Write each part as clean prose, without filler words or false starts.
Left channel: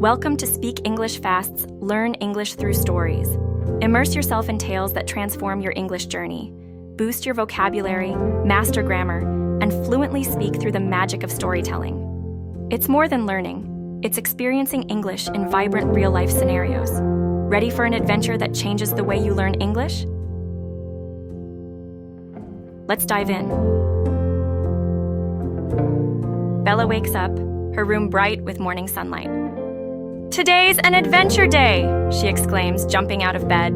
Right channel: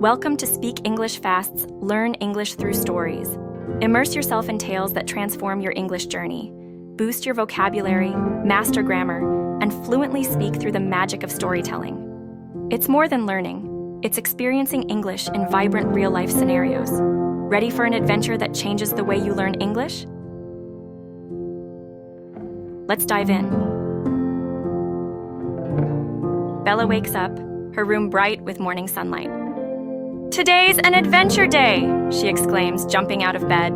Welcome to Speak English Fast's Learn English Through Stories. Immerse yourself in tales that transform your English journey. Boost your vocabulary, master grammar, and fluently speak through the magic of storytelling. It's more than learning. It's experiencing English in vibrant real-life scenarios. Ready for an adventure that changes the way you learn English? Let's dive in. Bella wakes up, her room bright with morning sunlight. "Today's an adventure day!" she exclaims, jumping out of bed.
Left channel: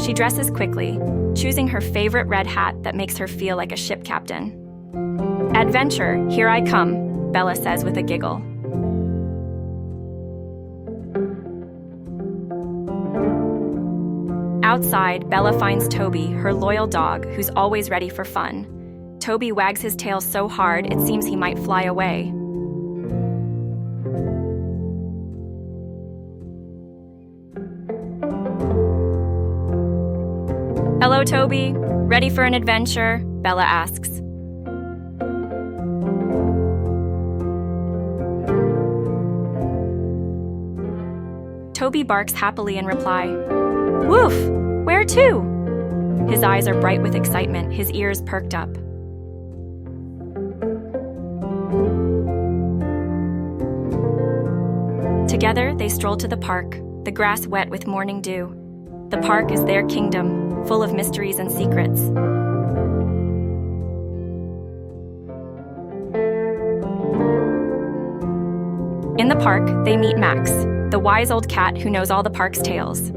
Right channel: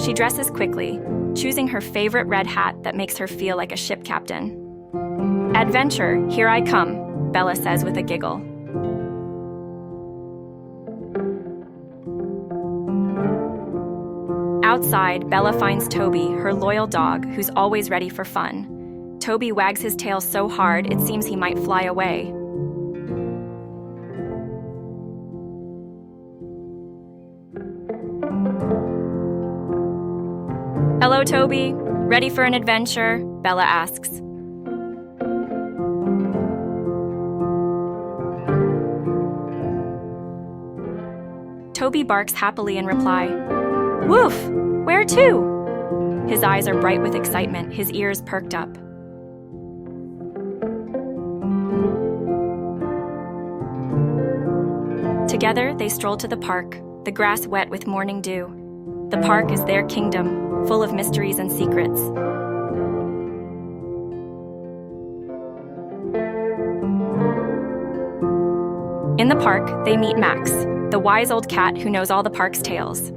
She dresses quickly, choosing her favorite red hat that makes her feel like a ship captain. "Adventure, here I come," Bella says with a giggle. Outside, Bella finds Toby, her loyal dog, who's always ready for fun. Toby wags his tail so hard it seems he might fly away. "Hello, Toby. Ready for an adventure?" Bella asks. Toby barks happily in reply. "Woof! Where to?" His eyes are bright with excitement, his ears perked up. Together, they stroll to the park, the grass wet with morning dew. The park is their kingdom, full of mysteries and secrets. In the park, they meet Max, the wise old cat who knows all the park's tales.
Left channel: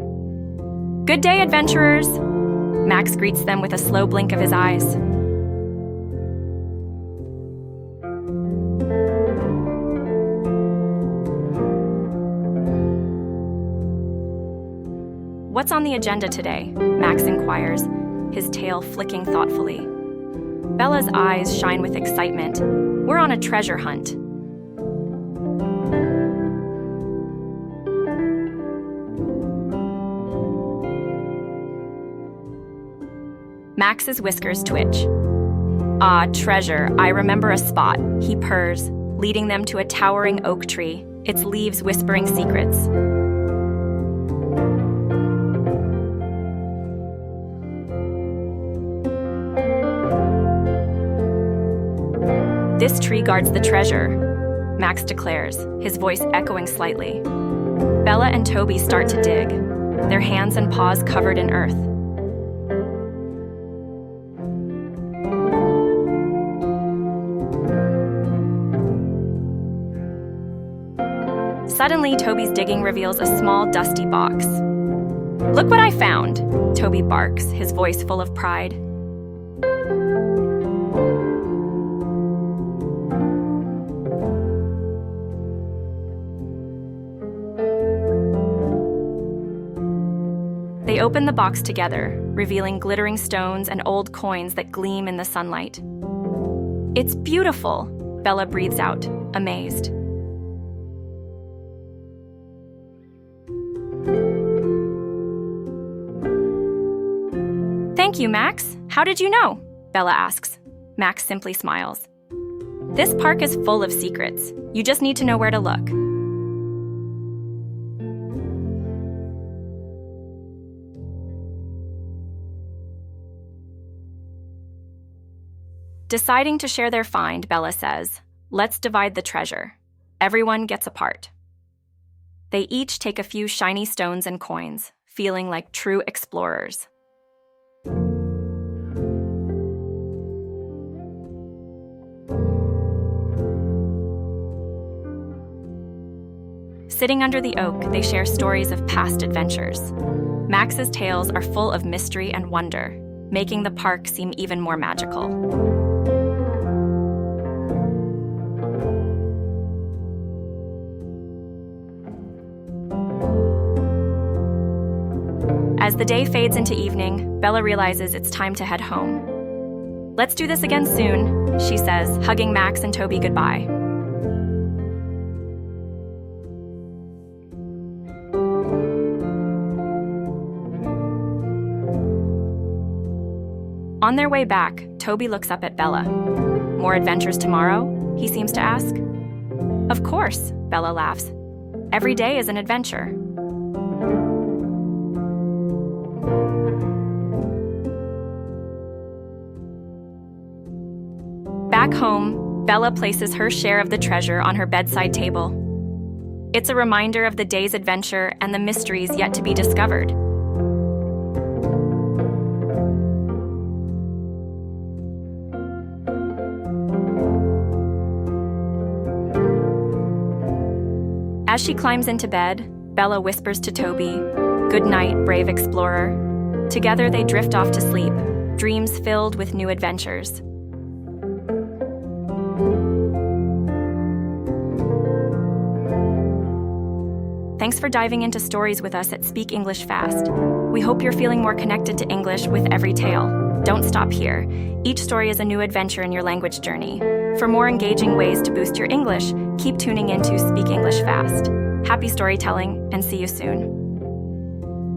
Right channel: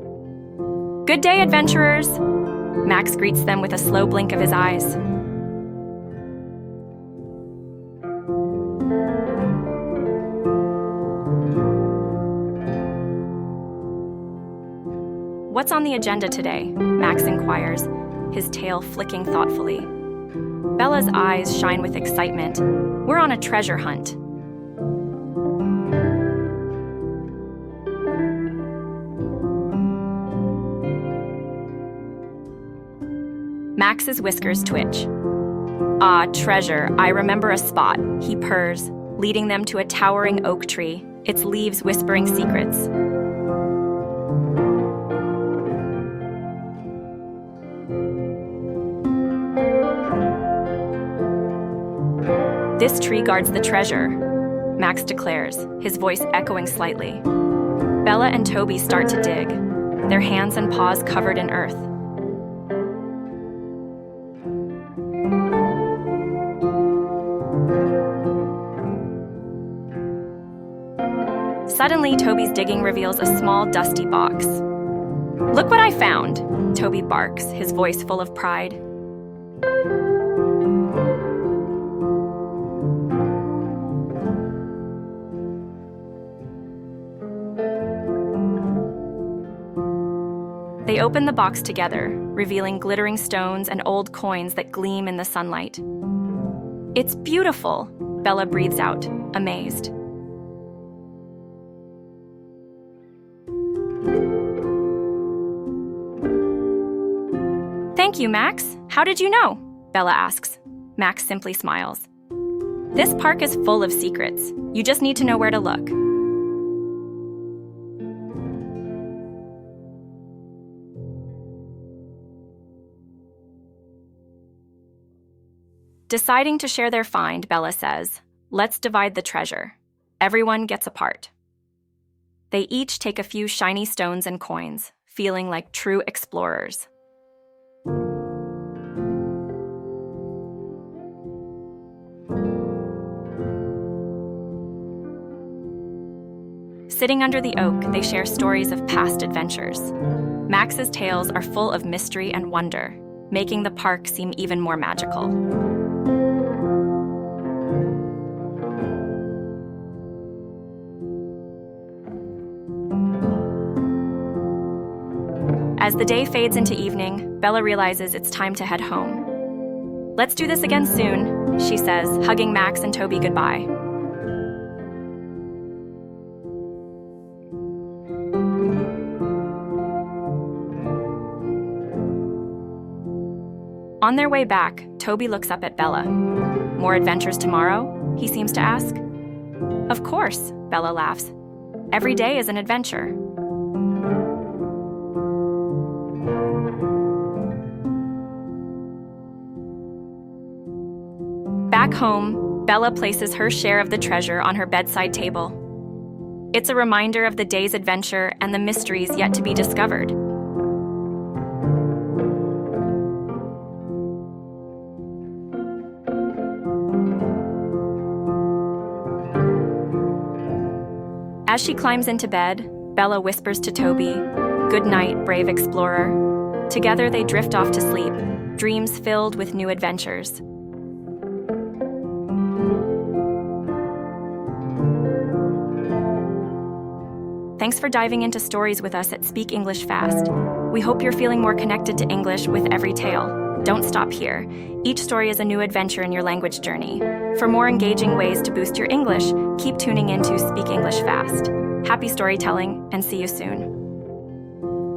"Good day, adventurers!" Max greets them with a slow blink of his eyes. "What's on the agenda today?" Max inquires, his tail flicking thoughtfully. Bella's eyes shine with excitement. "We're on a treasure hunt." Max's whiskers twitch. "Ah, treasure, I remember a spot," he purrs, leading them to a towering oak tree, its leaves whispering secrets. "This tree guards the treasure," Max declares, his voice echoing slightly. Bella and Toby start to dig, their hands and paws covered in earth. Suddenly, Toby's digging reveals a small, dusty box. "Look what I found!" Toby barks, his voice full of pride. They open the box together, revealing glittering stones and old coins that gleam in the sunlight. "It's beautiful," Bella breathes out, amazed. "Thank you, Max. How did you know?" Bella asks. Max simply smiles. "This park is full of secrets. You just need to know where to look." Deciding to share their find, Bella says, "Let's divide the treasure. Everyone gets a part." They each take a few shiny stones and coins, feeling like true explorers. Sitting under the oak, they share stories of past adventures. Max's tales are full of mystery and wonder, making the park seem even more magical. As the day fades into evening, Bella realizes it's time to head home. "Let's do this again soon," she says, hugging Max and Toby goodbye. On their way back, Toby looks up at Bella. More adventures tomorrow? He seems to ask. Of course, Bella laughs. Every day is an adventure. Back home, Bella places her share of the treasure on her bedside table. It's a reminder of the day's adventure and the mysteries yet to be discovered. As she climbs into bed, Bella whispers to Toby, "Good night, brave explorer." Together they drift off to sleep, dreams filled with new adventures. Thanks for diving into stories with us at Speak English Fast. We hope you're feeling more connected to English with every tale. Don't stop here. Each story is a new adventure in your language journey. For more engaging ways to boost your English, keep tuning in to Speak English Fast. Happy storytelling, and see you soon.